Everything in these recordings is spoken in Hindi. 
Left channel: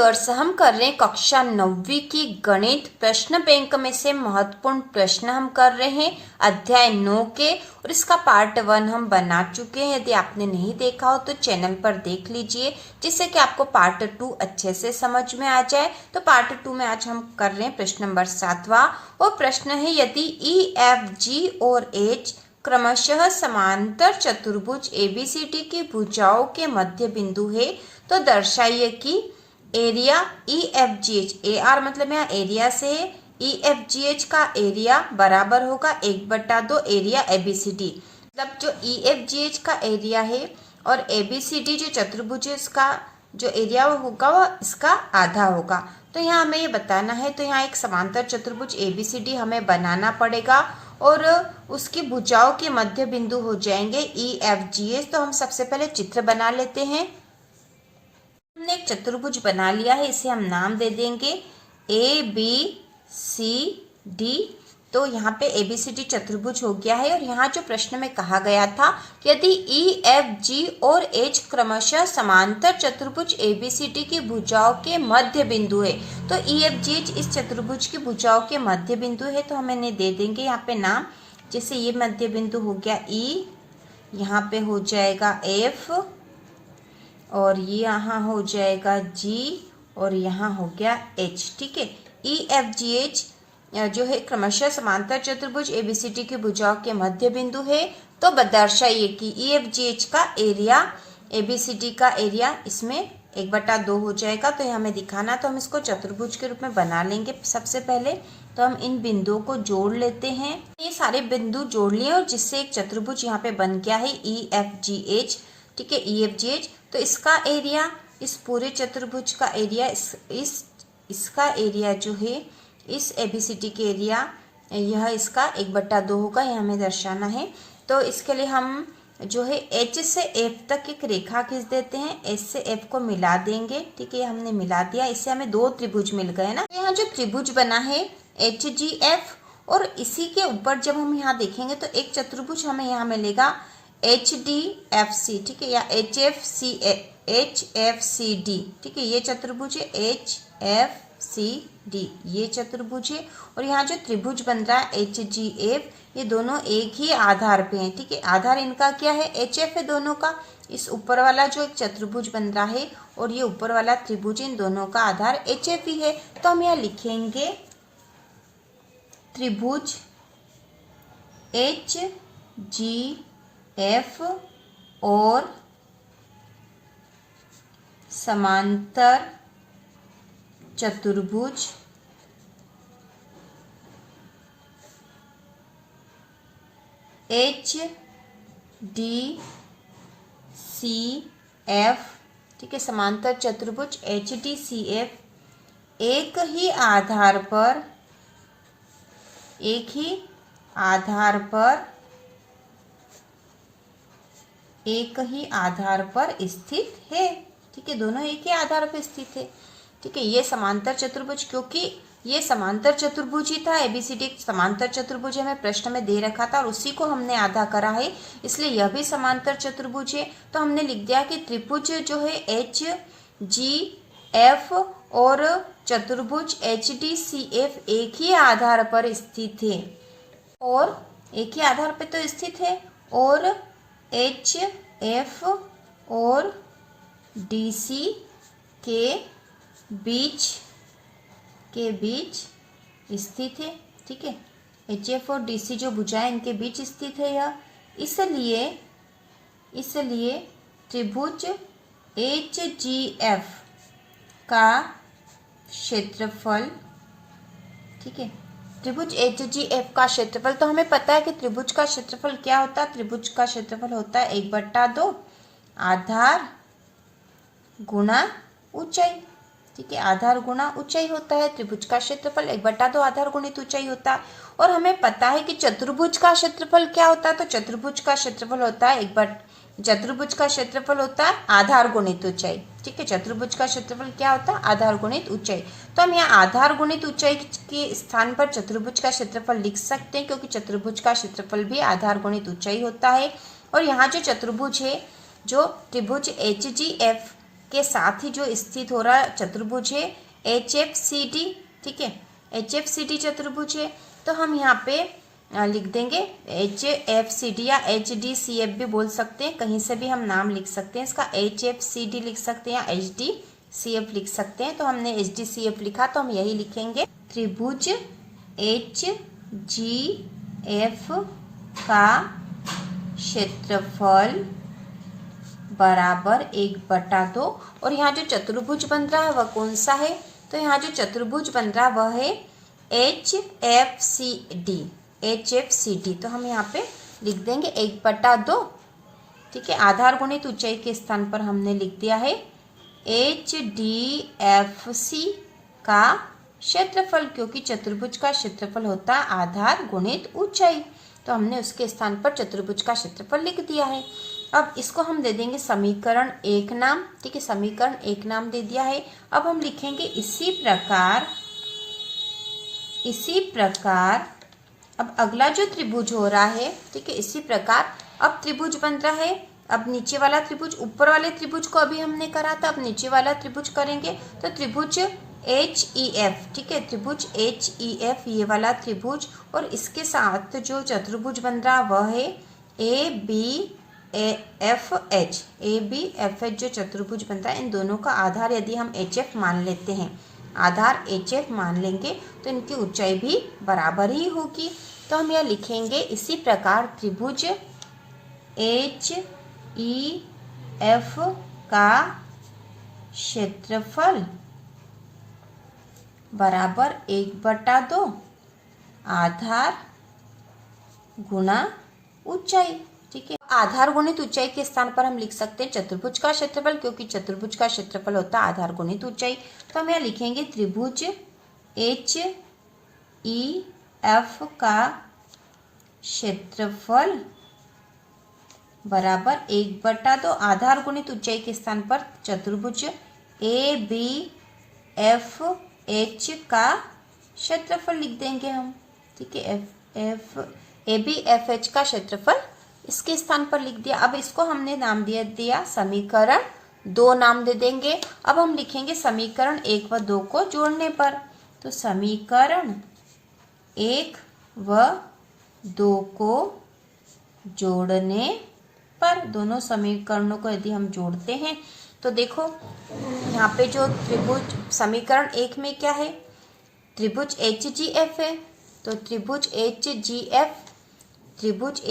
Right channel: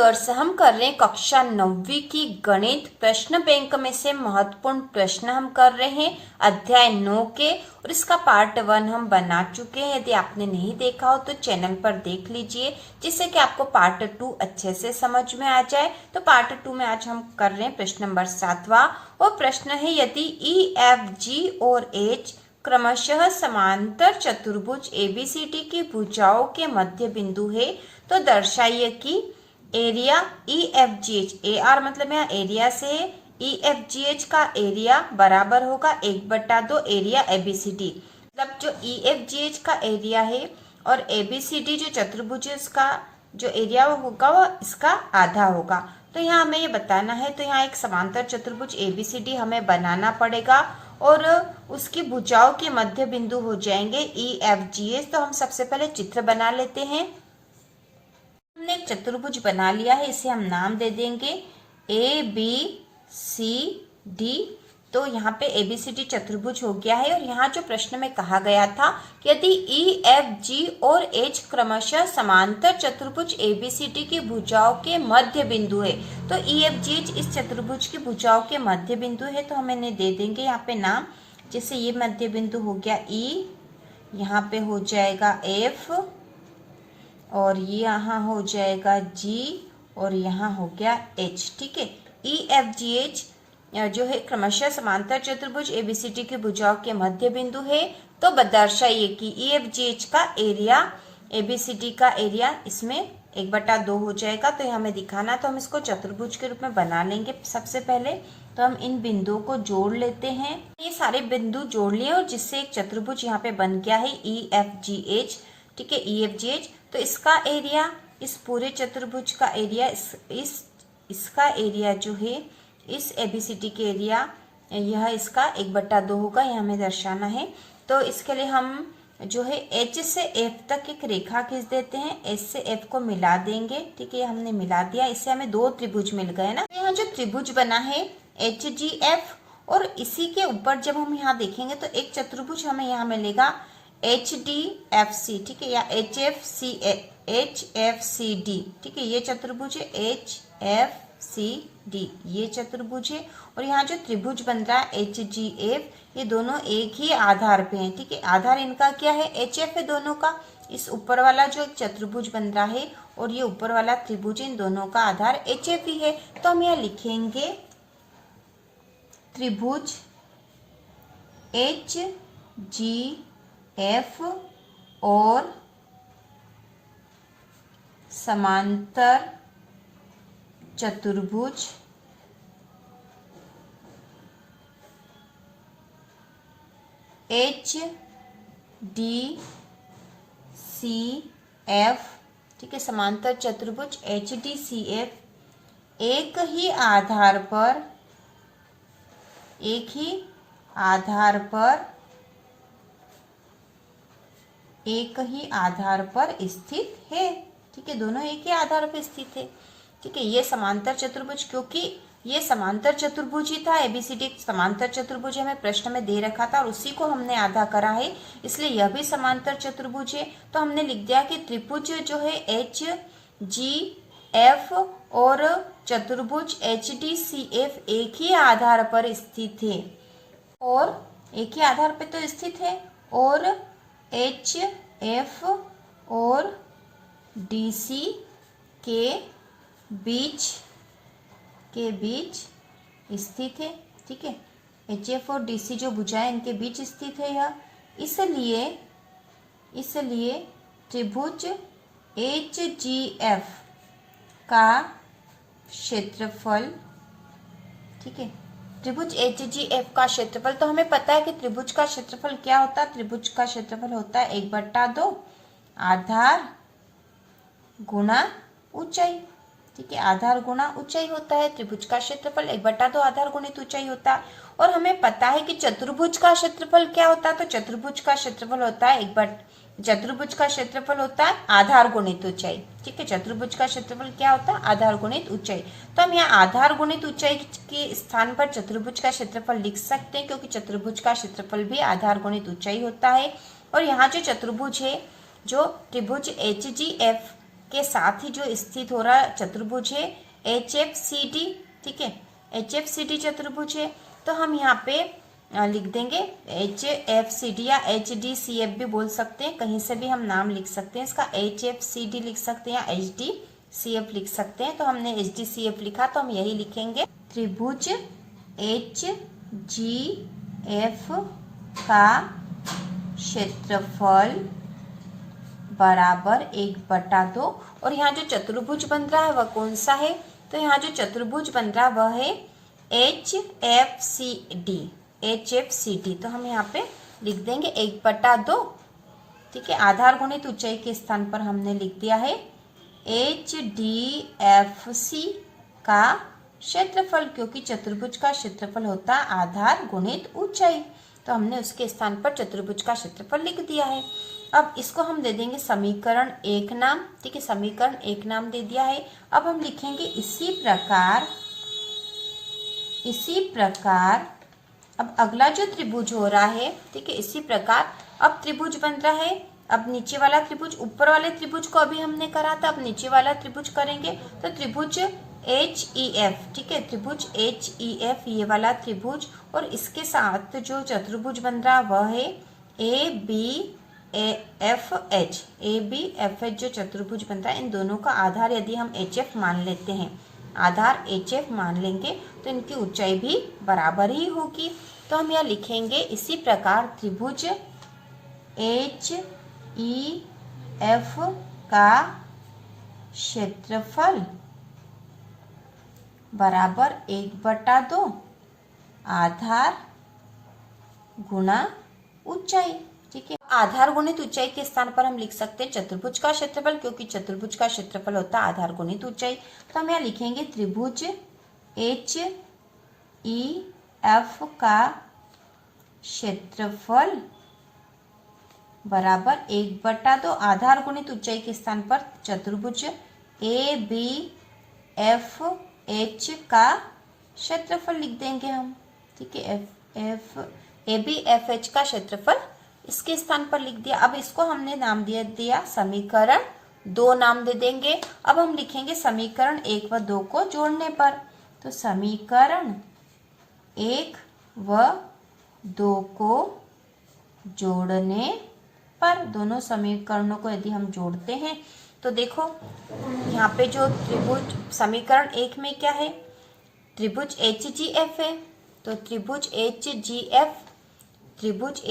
व्यूअर्स, हम कर रहे हैं कक्षा 9वीं की गणित प्रश्न बैंक में से महत्वपूर्ण प्रश्न हम कर रहे हैं अध्याय 9 के, और इसका पार्ट 1 हम बना चुके हैं। यदि आपने नहीं देखा हो तो चैनल पर देख लीजिए, जिससे कि आपको पार्ट 2 अच्छे से समझ में आ जाए। तो पार्ट 2 में आज हम कर रहे हैं प्रश्न नंबर 7वां, और प्रश्न है यदि ई एफ जी और एच क्रमशः समांतर चतुर्भुज एबीसीडी की भुजाओं के मध्य बिंदु है, तो दर्शाइए कि area E F G H, A R मतलब यहाँ एरिया से है, ई एफ जी एच का एरिया बराबर होगा 1/2 एरिया एबीसीडी। मतलब जो ई एफ जी एच का एरिया है और एबीसीडी जो चतुर्भुज है उसका जो एरिया होगा वो इसका आधा होगा। तो यहाँ हमें ये बताना है, तो यहाँ एक समांतर चतुर्भुज एबीसीडी हमें बनाना पड़ेगा और उसकी भुजाओं के मध्य बिंदु हो जाएंगे ई एफ जी एच। तो हम सबसे पहले चित्र बना लेते हैं। हमने एक चतुर्भुज बना लिया है, इसे हम नाम दे देंगे ए बी सी डी। तो यहाँ पे एबीसीडी चतुर्भुज हो गया है, और यहाँ जो प्रश्न में कहा गया था कि यदि ई एफ जी और एच क्रमशः समांतर चतुर्भुज एबीसीडी की भुजाओं के मध्य बिंदु है, तो ई एफ जी एच इस चतुर्भुज की भुजाओं के मध्य बिंदु है। तो हम इन्हें दे देंगे यहाँ पे नाम, जैसे ये मध्य बिंदु हो गया ई, यहाँ पे हो जाएगा एफ, और ये यहाँ हो जाएगा जी, और यहाँ हो गया एच। ठीक है, ई एफ जी एच जो है क्रमशः समांतर चतुर्भुज एबीसीडी की भुजाओं के मध्य बिंदु है। तो दर्शाइए कि ई एफ जी एच का एरिया एबीसीडी का एरिया इसमें 1/2 हो जाएगा। तो ये हमें दिखाना, तो हम इसको चतुर्भुज के रूप में बना लेंगे। सबसे पहले तो हम इन बिंदुओं को जोड़ लेते हैं। ये सारे बिंदु जोड़ लिए और जिससे एक चतुर्भुज यहाँ पे बन गया है ई एफ जी एच। ठीक है, ई एफ जी एच। तो इसका एरिया, इस पूरे चतुर्भुज का एरिया, इसका एरिया जो है इस एबीसीडी के एरिया, यह इसका 1/2 होगा, यह हमें दर्शाना है। तो इसके लिए हम जो है एच से एफ तक एक रेखा खींच देते हैं, एच से एफ को मिला देंगे। ठीक है, हमने मिला दिया, इससे हमें 2 त्रिभुज मिल गए ना। यहाँ जो त्रिभुज बना है एच जी एफ, और इसी के ऊपर जब हम यहाँ देखेंगे तो एक चतुर्भुज हमें यहाँ मिलेगा एच डी एफ सी। ठीक है, या एच एफ सी डी। ठीक है, ये चतुर्भुज है एच एफ सी डी, ये चतुर्भुज है। और यहाँ जो त्रिभुज बन रहा है एच जी एफ, ये दोनों एक ही आधार पे हैं। ठीक है, आधार इनका क्या है, एच एफ है दोनों का। इस ऊपर वाला जो एक चतुर्भुज बन रहा है और ये ऊपर वाला त्रिभुज, इन दोनों का आधार एच एफ ही है। तो हम यहाँ लिखेंगे त्रिभुज एच जी एफ और समांतर चतुर्भुज एच डी सी एफ। ठीक है, समांतर चतुर्भुज एच डी सी एफ एक ही आधार पर स्थित है। ठीक है, दोनों एक ही आधार पर स्थित है। ठीक है, ये समांतर चतुर्भुज, क्योंकि ये समांतर चतुर्भुज ही था, एबीसीडी एक समांतर चतुर्भुज हमें प्रश्न में दे रखा था और उसी को हमने आधा करा है, इसलिए यह भी समांतर चतुर्भुज है। तो हमने लिख दिया कि त्रिभुज जो है एच जी एफ और चतुर्भुज एच डी सी एफ एक ही आधार पर स्थित है, और एक ही आधार पर तो स्थित है, और एच एफ और डी सी के बीच स्थित है। ठीक है, एच एफ और डी सी जो भुजाएं इनके बीच स्थित है यह, इसलिए त्रिभुज एच जी एफ का क्षेत्रफल, ठीक है, त्रिभुज एच जी एफ का क्षेत्रफल, तो हमें पता है कि त्रिभुज का क्षेत्रफल क्या होता है। त्रिभुज का क्षेत्रफल होता है 1/2 आधार गुणा ऊंचाई। ठीक है, आधार गुणा ऊंचाई होता है। त्रिभुज का क्षेत्रफल 1/2 आधार गुणित ऊंचाई होता है। और हमें पता है कि चतुर्भुज का क्षेत्रफल क्या होता है, तो चतुर्भुज का क्षेत्रफल होता है आधार गुणित ऊंचाई। ठीक है, चतुर्भुज का क्षेत्रफल क्या होता है, आधार गुणित ऊंचाई। तो हम यहाँ आधार गुणित ऊंचाई के स्थान पर चतुर्भुज का क्षेत्रफल लिख सकते हैं, क्योंकि चतुर्भुज का क्षेत्रफल भी आधार गुणित ऊंचाई होता है। और यहाँ जो चतुर्भुज है, जो त्रिभुज एच जी एफ के साथ ही जो स्थित हो रहा चतुर्भुज है HFCD, ठीक है, HFCD चतुर्भुज है। तो हम यहाँ पे लिख देंगे HFCD या HDCF भी बोल सकते हैं, कहीं से भी हम नाम लिख सकते हैं इसका, HFCD लिख सकते हैं या HDCF लिख सकते हैं। तो हमने HDCF लिखा तो हम यही लिखेंगे, त्रिभुज HGF का क्षेत्रफल बराबर 1/2। और यहाँ जो चतुर्भुज बन रहा है वह कौन सा है, तो यहाँ जो चतुर्भुज बन रहा है वह है HFCD। तो हम यहाँ पे लिख देंगे 1/2, ठीक है। आधार गुणित ऊंचाई के स्थान पर हमने लिख दिया है HDFC का क्षेत्रफल, क्योंकि चतुर्भुज का क्षेत्रफल होता है आधार गुणित ऊंचाई, तो हमने उसके स्थान पर चतुर्भुज का क्षेत्रफल लिख दिया है। अब इसको हम दे देंगे समीकरण 1 नाम, ठीक है, समीकरण 1 नाम दे दिया है। अब हम लिखेंगे इसी प्रकार अब अगला जो त्रिभुज हो रहा है, ठीक है, इसी प्रकार अब त्रिभुज बन रहा है। अब नीचे वाला त्रिभुज, ऊपर वाले त्रिभुज को अभी हमने करा था, अब नीचे वाला त्रिभुज करेंगे। तो त्रिभुज HEF, ठीक है, त्रिभुज HEF ये वाला त्रिभुज, और इसके साथ जो चतुर्भुज बन रहा वह है ABFH जो चतुर्भुज बन रहा है, इन दोनों का आधार यदि हम HF मान लेते हैं, आधार HF मान लेंगे तो इनकी ऊंचाई भी बराबर ही होगी। तो हम यह लिखेंगे इसी प्रकार त्रिभुज HEF का क्षेत्रफल बराबर 1/2 आधार गुणा ऊंचाई, ठीक है। आधार गुणित ऊंचाई के स्थान पर हम लिख सकते हैं चतुर्भुज का क्षेत्रफल, क्योंकि चतुर्भुज का क्षेत्रफल होता है आधार गुणित ऊंचाई। तो हम यहाँ लिखेंगे त्रिभुज HEF का क्षेत्रफल बराबर 1/2 आधार गुणित ऊंचाई के स्थान पर चतुर्भुज ABFH का क्षेत्रफल लिख देंगे हम, ठीक है, ABFH का क्षेत्रफल इसके स्थान पर लिख दिया। अब इसको हमने नाम दिया समीकरण 2 नाम दे देंगे। अब हम लिखेंगे समीकरण 1 व 2 को जोड़ने पर, तो समीकरण 1 व 2 को जोड़ने पर, दोनों समीकरणों को यदि हम जोड़ते हैं तो देखो यहाँ पे जो त्रिभुज समीकरण 1 में क्या है, त्रिभुज HGF है, तो त्रिभुज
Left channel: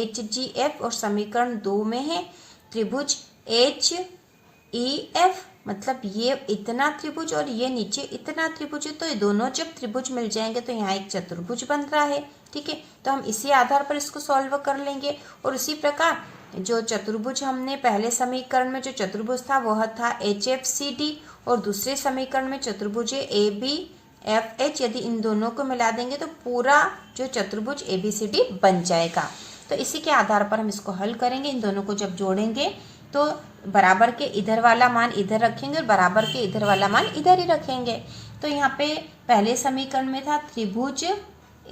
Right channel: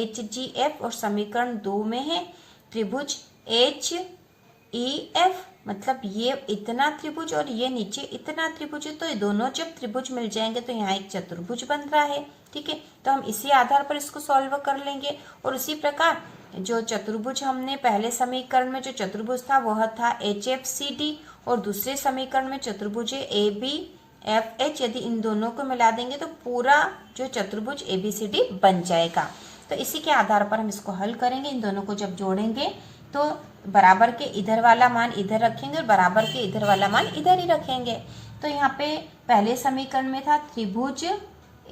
HGF और समीकरण 2 में है त्रिभुज HEF, मतलब ये इतना त्रिभुज और ये नीचे इतना त्रिभुज है, तो ये दोनों जब त्रिभुज मिल जाएंगे तो यहाँ एक चतुर्भुज बन रहा है, ठीक है। तो हम इसी आधार पर इसको सॉल्व कर लेंगे। और उसी प्रकार जो चतुर्भुज हमने पहले समीकरण में जो चतुर्भुज था वह था HFCD, और दूसरे समीकरण में चतुर्भुज है ABFH, यदि इन दोनों को मिला देंगे तो पूरा जो चतुर्भुज ABCD बन जाएगा। तो इसी के आधार पर हम इसको हल करेंगे। इन दोनों को जब जोड़ेंगे तो बराबर के इधर वाला मान इधर रखेंगे और बराबर के इधर वाला मान इधर ही रखेंगे। तो यहाँ पे पहले समीकरण में था त्रिभुज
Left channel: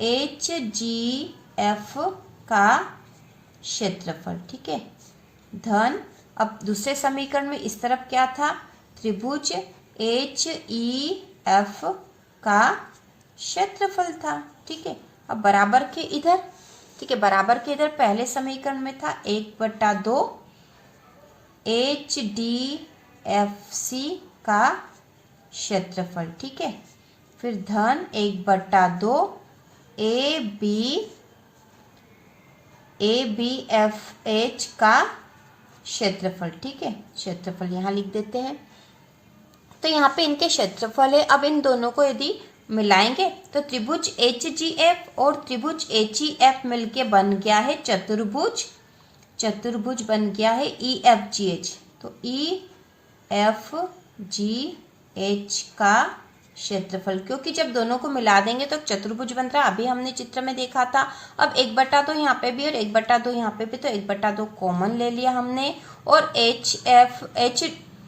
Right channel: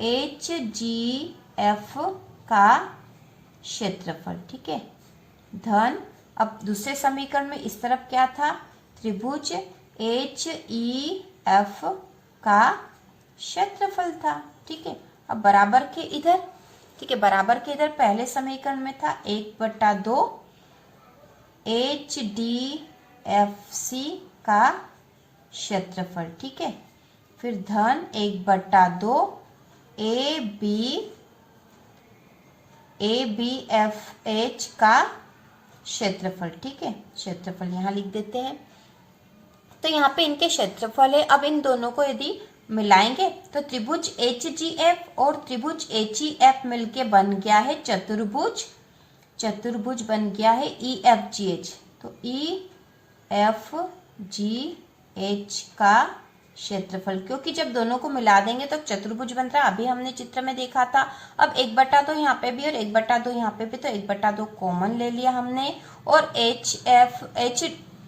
HGF का क्षेत्रफल, ठीक है, धन, अब दूसरे समीकरण में इस तरफ क्या था, त्रिभुज HEF का क्षेत्रफल था, ठीक है। अब बराबर के इधर, ठीक है, बराबर के इधर पहले समीकरण में था 1/2 HDFC का क्षेत्रफल, ठीक है, फिर धन 1/2 ABFH का क्षेत्रफल, ठीक है, क्षेत्रफल यहाँ लिख देते हैं। तो यहाँ पे इनके क्षेत्रफल है। अब इन दोनों को यदि मिलाएंगे तो त्रिभुज HGF और त्रिभुज HEF मिलके बन गया है चतुर्भुज, चतुर्भुज बन गया है EFGH। तो EFGH का क्षेत्रफल, क्योंकि जब दोनों को मिला देंगे तो चतुर्भुज बन रहा है, अभी हमने चित्र में देखा था। अब 1/2 यहाँ पे भी और 1/2 यहाँ पे भी, तो 1/2 कॉमन ले लिया हमने, और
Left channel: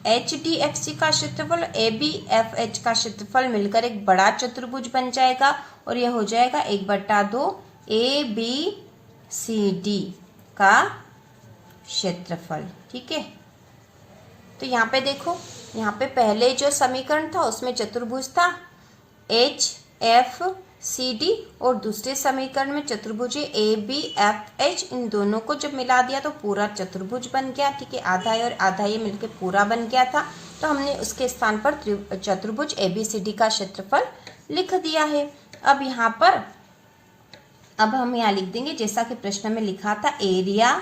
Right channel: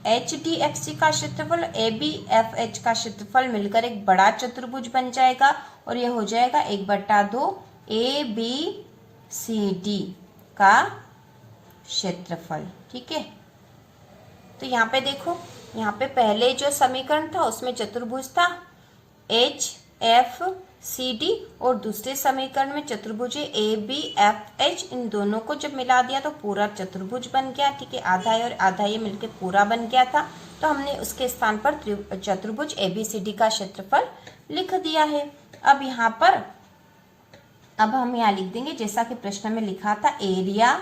HDFC का क्षेत्रफल ABFH का क्षेत्रफल मिलकर एक बड़ा चतुर्भुज बन जाएगा, और यह हो जाएगा 1/2 ABCD का क्षेत्रफल, ठीक है। तो यहाँ पे देखो यहाँ पे पहले जो समीकरण था उसमें चतुर्भुज था HFCD और दूसरे समीकरण में चतुर्भुज ABFH। इन दोनों को जब मिला दिया तो पूरा चतुर्भुज बन गया। ठीक है, आधा और आधा ये मिलके पूरा बन गया था, तो हमने उसके स्थान पर चतुर्भुज ABCD का क्षेत्रफल लिख दिया है। अब यहाँ पर हम यहाँ लिख देंगे जैसा कि प्रश्न में लिखा था, एरिया,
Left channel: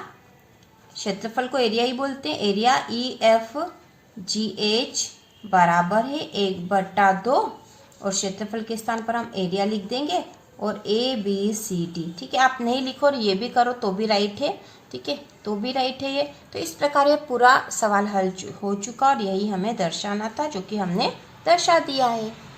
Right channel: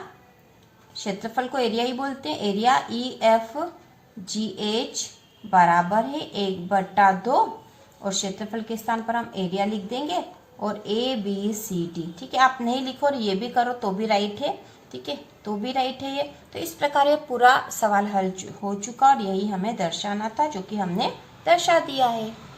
क्षेत्रफल को एरिया ही बोलते हैं, एरिया EFGH बराबर है 1/2 और क्षेत्रफल के स्थान पर हम एरिया लिख देंगे और ABCD। ठीक है, आप नहीं लिखो और ये भी करो तो भी राइट है। ठीक है, तो भी राइट है ये। तो इस प्रकार ये पूरा सवाल हल हो चुका और यही हमें दर्शाना था, जो कि हमने दर्शा दिया है।